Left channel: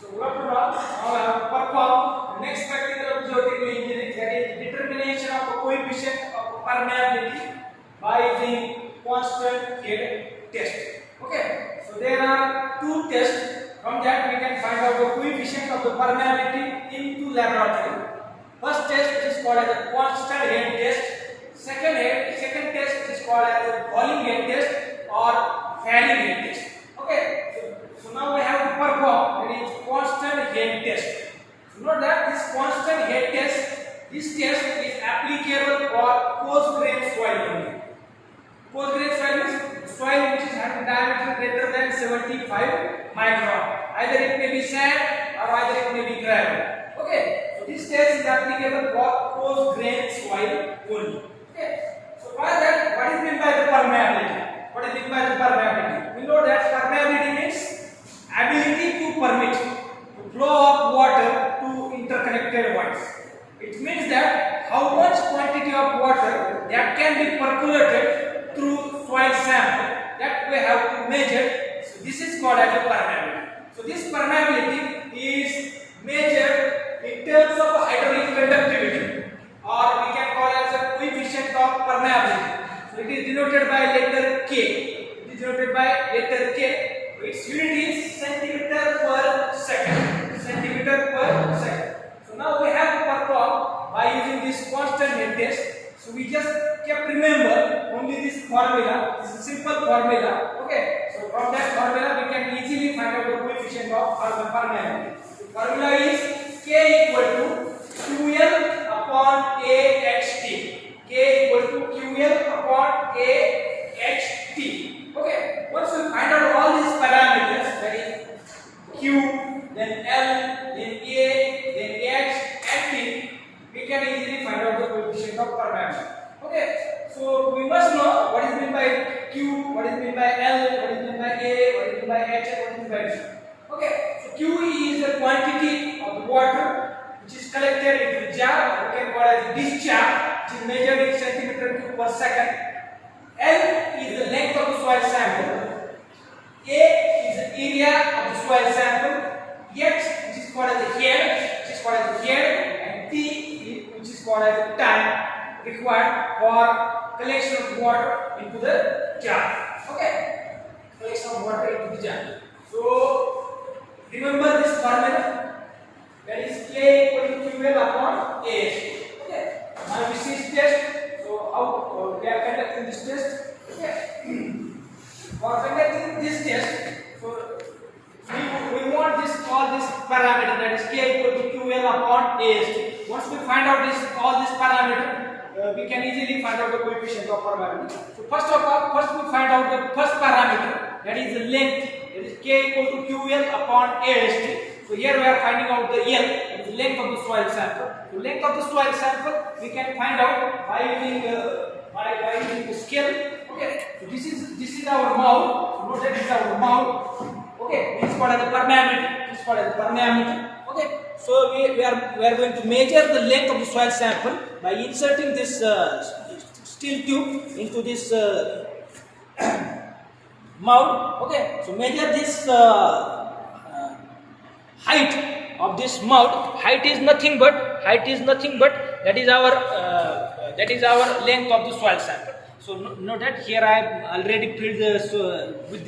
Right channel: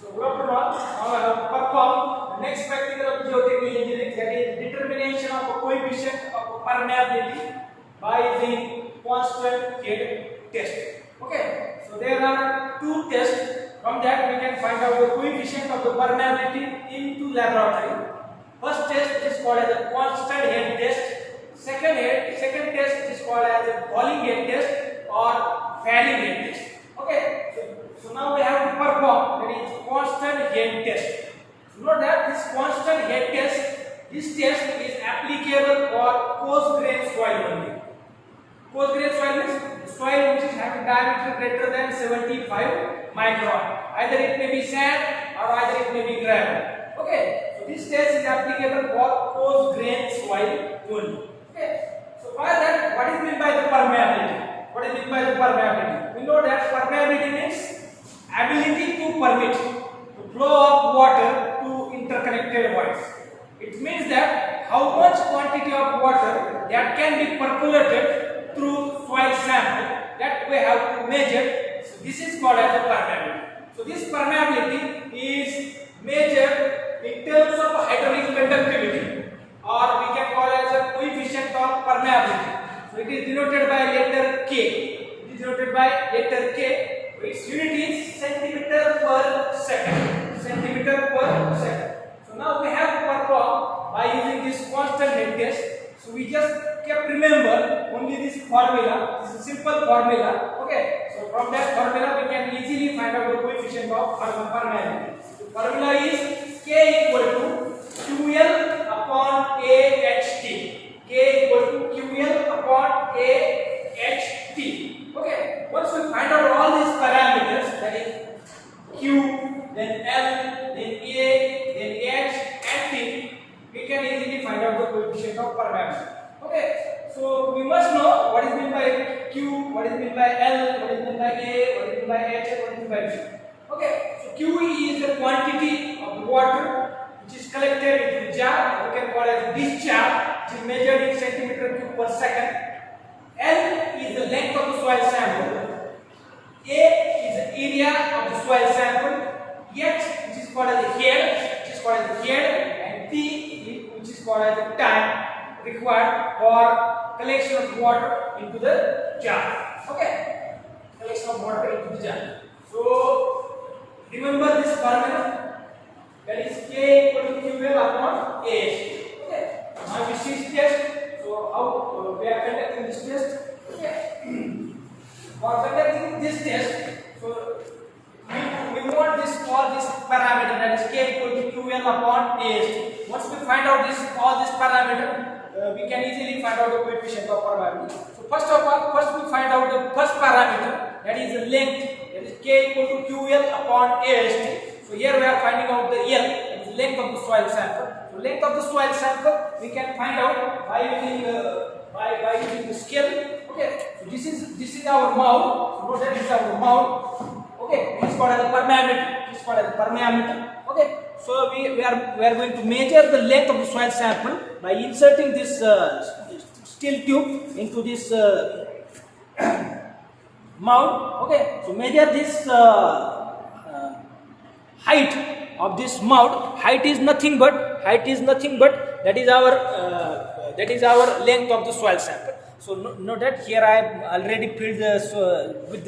So overall, now I have performed the next practical of geotechnical engineering, that is determination of the coefficient of permeability by using constant head test. Okay, so there are two tests. From that we can find out the coefficient of the permeability into laboratory. First test is called as a constant head test. Second test is called as a falling head test or falling head test. Okay, so now we have to perform, that is constant head test. So note that this constant head test, this test is applicable for coarse grain soil only. Coarse grain soil is soil which is having diameter greater than 75 micron. Either it may be sand or either it may be gravel. Okay, so this test is applicable for coarse grain soil only. Okay, so by that, what is meant by the permeability? What is meant by the permeability? We know that permeability means ability to permit the flow of water to interconnected voids. It means that how much quantity of water that can be percolated through soil sample that we have to measure. So this is called as a permeability. So this permeability is measured in terms of hydraulic conductivity, or we can call it as a coefficient of permeability. So it is denoted by letter K. It is denoted by letter K. Its unit is centimeter per second. Centimeter per second. So now we have to perform by using this constant head test. So we just kept remember only this formula. This is a simple formula. Okay. So from that formula we can easily find out the coefficient of permeability. The formula is K equal to QL upon AHT. K equal to QL upon AHT. Okay. Once we find out all these parameters, that is Q, then L, then A, then H, and T, we can easily find out the coefficient of permeability. Okay. So we must know what is meant by Q, what is meant by L, what is meant by A, what is meant by H, what is meant by T. Okay. So Q is the quantity of the water which is collected into the jar. We can call it as discharge, which is measured in centimeter cube per second. L is the length of the soil sample. A is the area of the soil sample. H, which is called as the head, and T, which is called as the time required for collection of water into the jar. Okay, collection of water into the jar. So remember this formula, that is K equal to QL upon AH. Okay, now we see test. So how we are conducting this test? Okay. For conducting this test, so we want all this parameter, that is K equal to QL upon AST. Once we find out all this parameter, we can easily find out the coefficient of permeability. So first of all, we find out the first parameter, that is the length, that is K equal to QL upon AST. So here we are finding out the L, that is length of the soil sample. So length of the soil sample we can find out by using the scale. Okay, so this is our mouth. So note that this is our mouth. Okay, this is called as a permeability. This is called as a permeability. Okay, so we are going to measure the length of the soil sample by inserting this steel tube into this mouth. Okay, so measure this height of this mouth. Height is nothing but that is our length of the soil sample. So note that here I have already filled with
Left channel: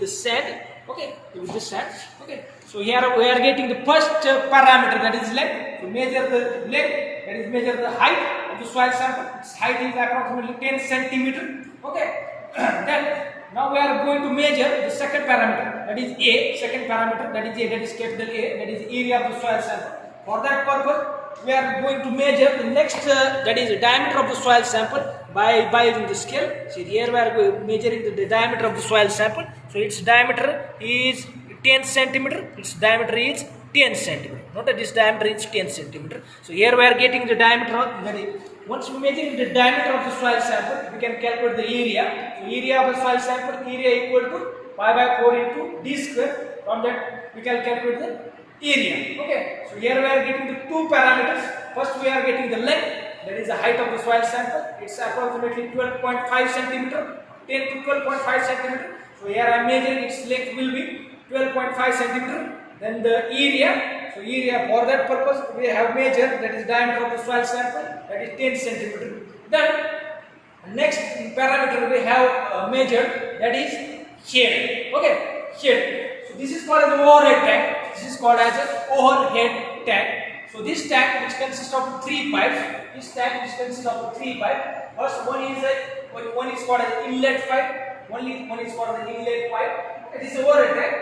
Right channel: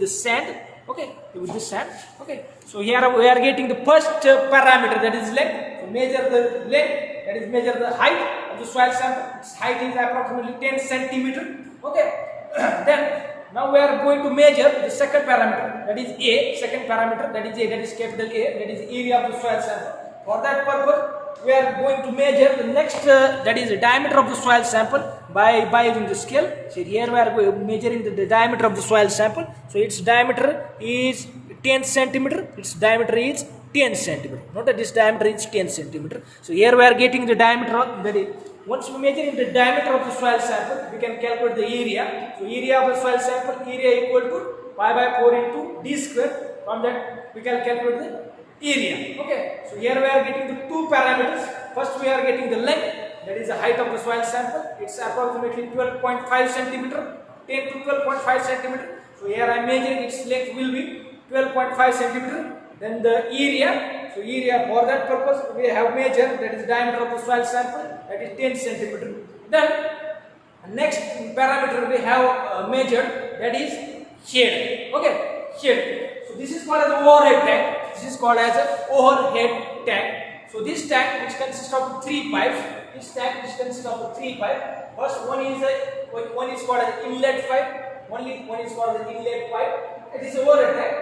the sand. Okay, with the sand. Okay, so here we are getting the first parameter, that is length. So measure the length, that is measure the height of the soil sample. Its height is approximately 10 centimeter. Okay, then now we are going to measure the second parameter, that is A. Second parameter, that is A, that is capital A, that is area of the soil sample. For that purpose, we are going to measure the next, that is the diameter of the soil sample by using the scale. So here we are measuring the diameter of the soil sample. So its diameter is 10 centimeter. Its diameter is 10 centimeter. Note that this diameter is 10 centimeter. So here we are getting the diameter of, that is, once we measure the diameter of the soil sample, we can calculate the area. So area of the soil sample, area equal to pi by 4 into d square. From that we can calculate the area. Okay. So here we are getting the two parameters. First we are getting the length, that is the height of the soil sample. It's approximately 12.5 centimeter, 10 to 12.5 centimeter. So here I am measuring its length will be 12.5 centimeter. Then the area, so area for that purpose we have measured, that is diameter of the soil sample, that is 10 centimeter. Then next parameter we have measured, that is head. Okay, head. So this is called as overhead tank. This is called as a overhead tank. So this tank, which consists of 3 pipes, this tank which consists of 3 pipes. First one is called as inlet pipe. One is called the inlet pipe. It is overhead tank.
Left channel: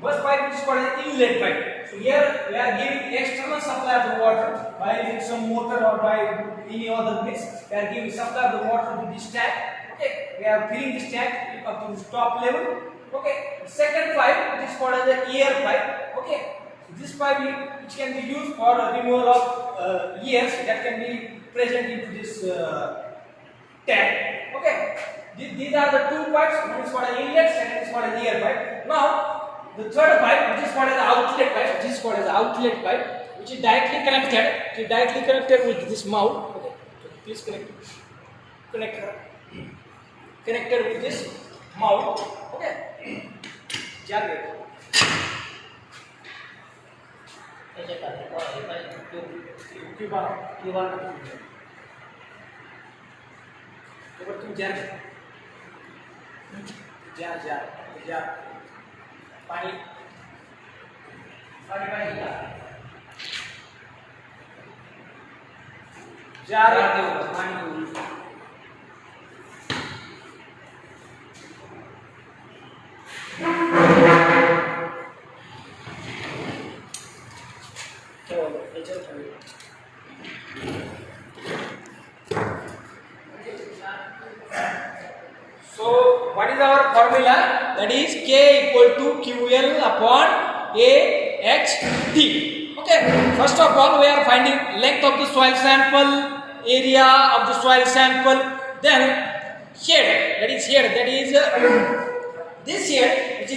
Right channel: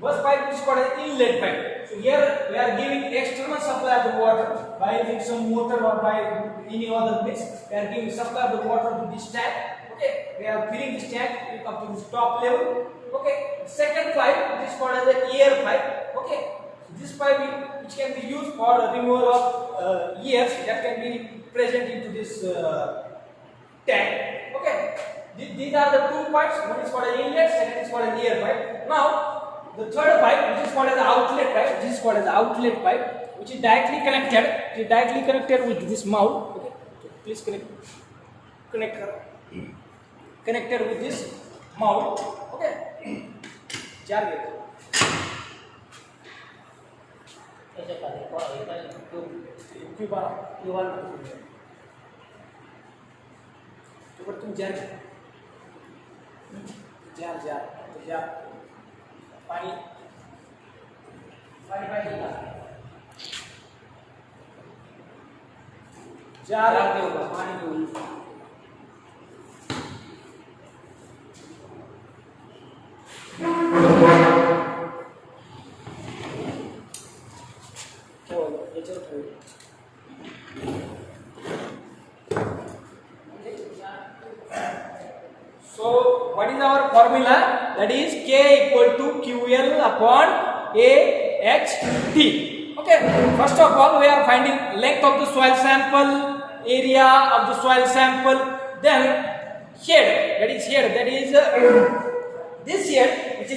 First pipe is called an inlet pipe. So here we are giving external supply of the water by using some motor or by any other means. We are giving supply of the water to this tank. Okay, we are filling this tank up to this top level. Okay, the second pipe, which is called as the air pipe. Okay, so this pipe which can be used for removal of airs that can be present into this tank. Okay, these are the two pipes. One is called an inlet, second is called an air pipe. Now the third pipe, which is called as the outlet pipe, which is directly connected with this mouth. Okay, so please connected with this mouth. Okay, so what is our formula? That is K equal to QL upon AHT. Okay, first of all we are finding length of the soil sample, area of the soil sample, then head, that is this head which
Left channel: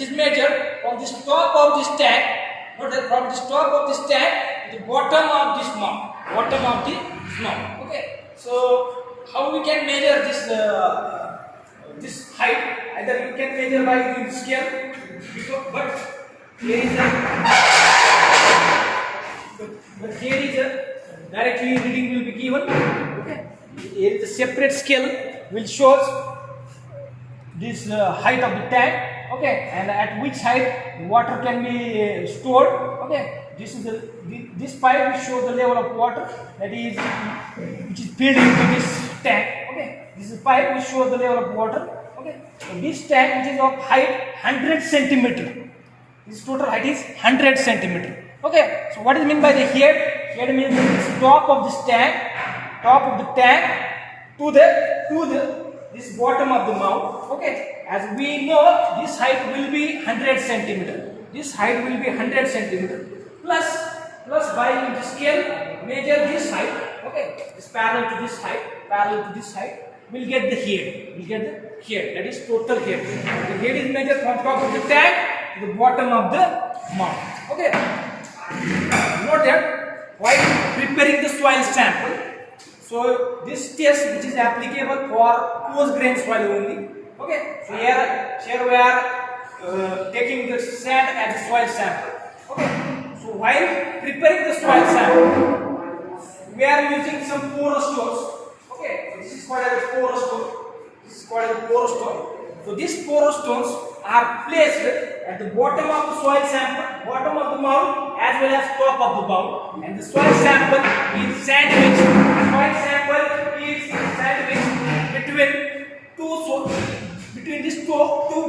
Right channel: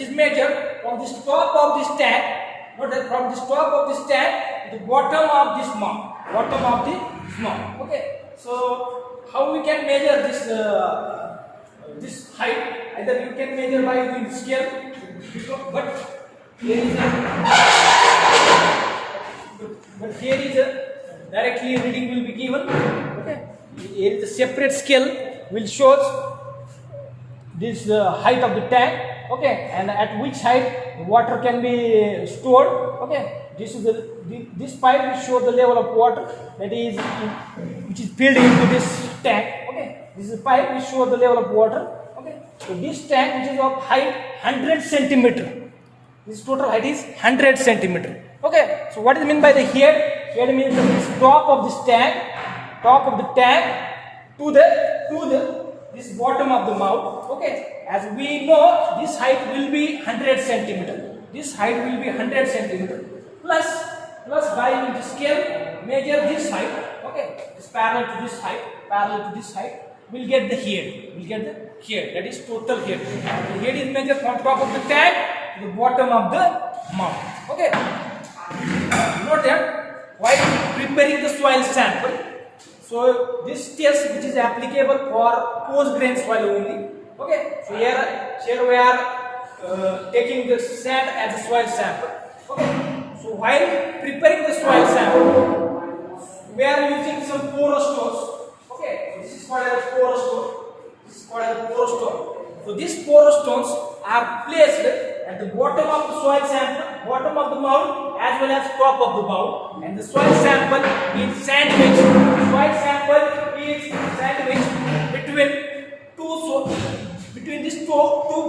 is measured from this top of this tank. Note that from this top of this tank to the bottom of this mouth. Okay, so how we can measure this height? Either you can measure by using scale, but here is a directly reading will be given. Okay, here is a separate scale will show this height of the tank. Okay, and at which height water can be stored. Okay, this pipe will show the level of water that is which is filled into this tank. Okay, this is pipe will show the level of water. Okay, so this tank which is of height 100 centimeter. This total height is 100 centimeter. Okay, so what is meant by the head? Head means the top of this tank, to this bottom of the mouth. Okay, as we know, this height will be 100 centimeter. Plus by the scale measure this height. Okay, it's parallel to this height. We'll get the head. That is total head. The head is measured from top of the tank to the bottom of the mouth. Okay. Note that while preparing the soil sample, so this test which is applicable for coarse grain soil only. Okay. So here we are taking the sand as a soil sample. Okay. So while preparing the soil sample, we are using some porous stones. Okay. So this is called as a porous stone. So these porous stones are placed at the bottom of the soil sample, bottom of the mound, as well as top of the mound, and the soil sample is sandwiched. Between these two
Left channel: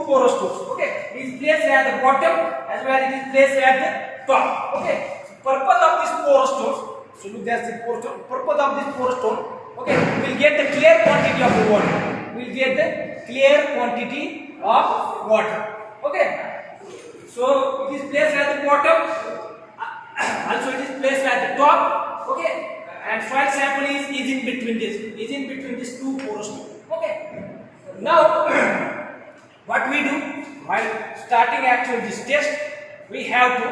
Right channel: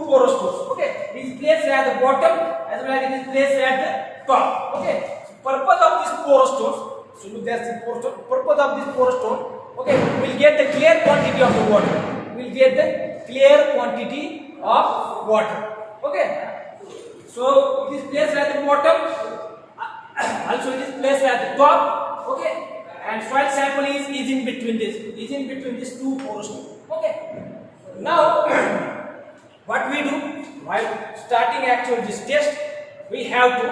porous stones. Okay, it is placed at the bottom as well as it is placed at the top. Okay, so purpose of these porous stones. So look, there's the porous stone. Purpose of this porous stone. Okay, we'll get the clear quantity of the water. Okay, so it is placed at the bottom. Also, it is placed at the top. Okay, and soil sample is in between these two porous stones. Okay. Now, what we do while starting actually this test, we have to.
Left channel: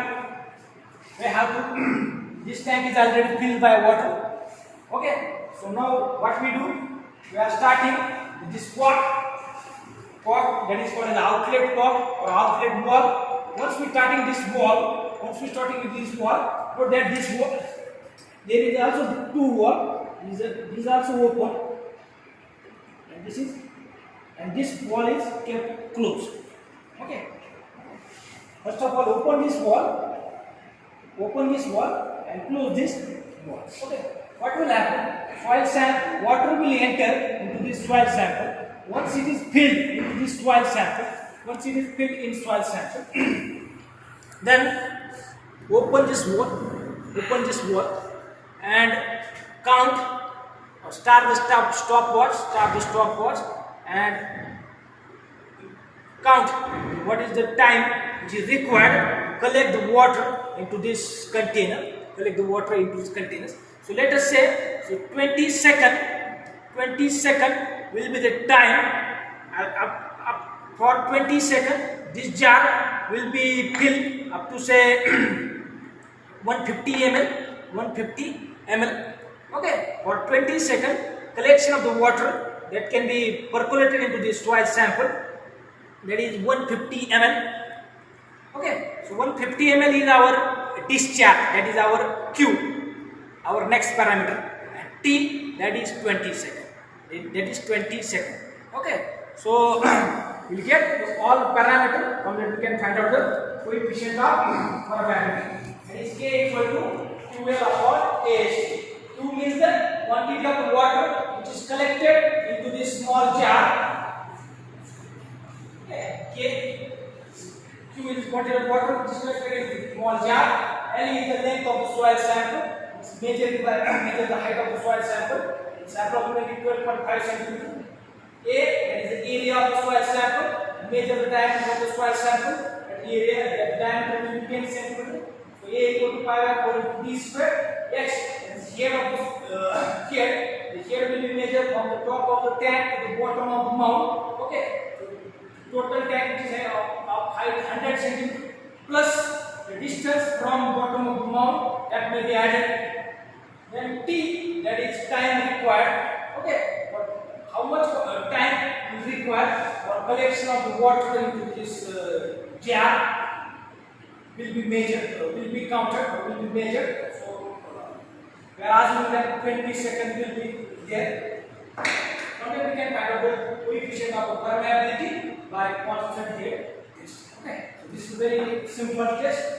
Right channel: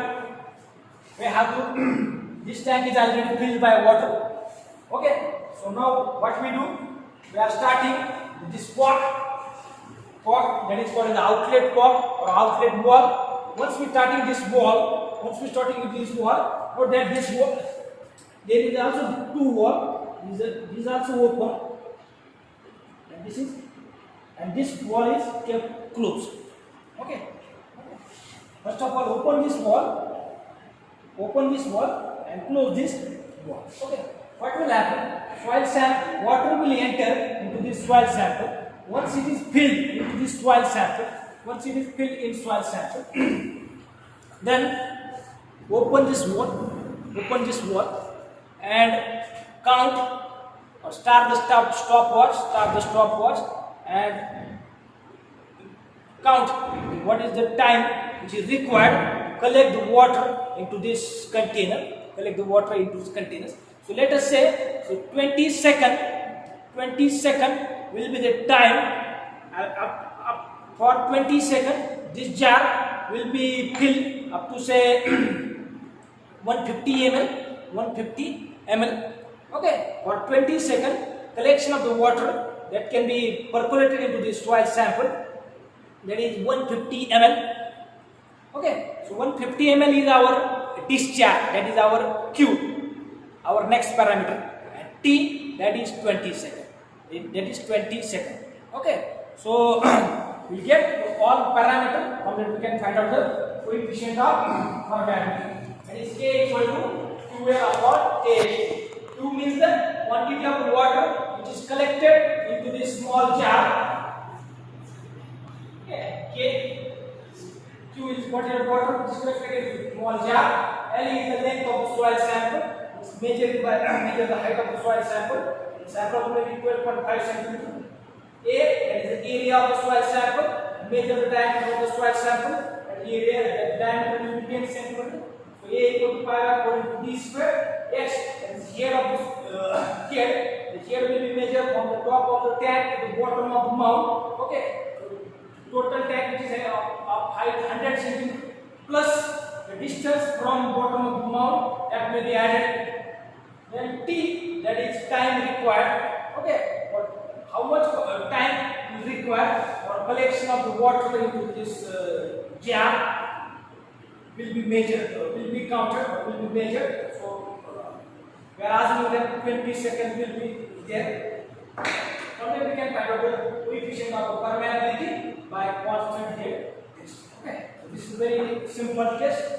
This tank is already filled by water. Okay. So now what we do? We are starting with this pot. cork, that is called an outlet cork or outlet wall. Once we starting this wall, once we starting with this wall, or that this wall, there is also two wall. This is also open, and this is, and this wall is kept closed. Okay. First of all, open this wall and close this wall. Okay. What will happen? Soil sample, water will enter into this soil sample. Once it is filled into this soil sample, then open this wall and count or start the stopwatch and count what is the time which is required. Collect the water into this container. So let us say, so 20 second will be the time. For 20 seconds, this jar will be filled up to say 150 ml. Okay, for 20 seconds, collection of the water that can be percolated into this soil sample, that is 150 ml. Okay, so 150 ml is our discharge, that is our Q, our next parameter, and T, that is 20 seconds. Okay, so we get all parameters from that we can find out the coefficient of organic. That is K equal to QL upon AH. Q means the quantity of water which is collected into this small jar. Okay. Q is quantity of water which is collected into small jar. L is the length of the soil sample. It's measured by the height of the soil sample. It's approximately 12.5 centimeters. A, that is the area of the soil sample. Measure the diameter of the soil sample. That area, that diameter will be 10 centimeters. So A equal to pi by 4 into D square. X, that is head of the head. The head will be measured from the top of the tank to the bottom of the mount. Okay. Total tank which is of height 100 centimeters plus the distance from bottom of the mount that may be added. Then T, that is time required. Okay, but how much time is required for collection of the water into this jar will be measured, will be counted, or will be measured. So we are assuming that 20 seconds will be there. From there we can find out the coefficient of permeability by constant here. Okay, so this is a very simple test.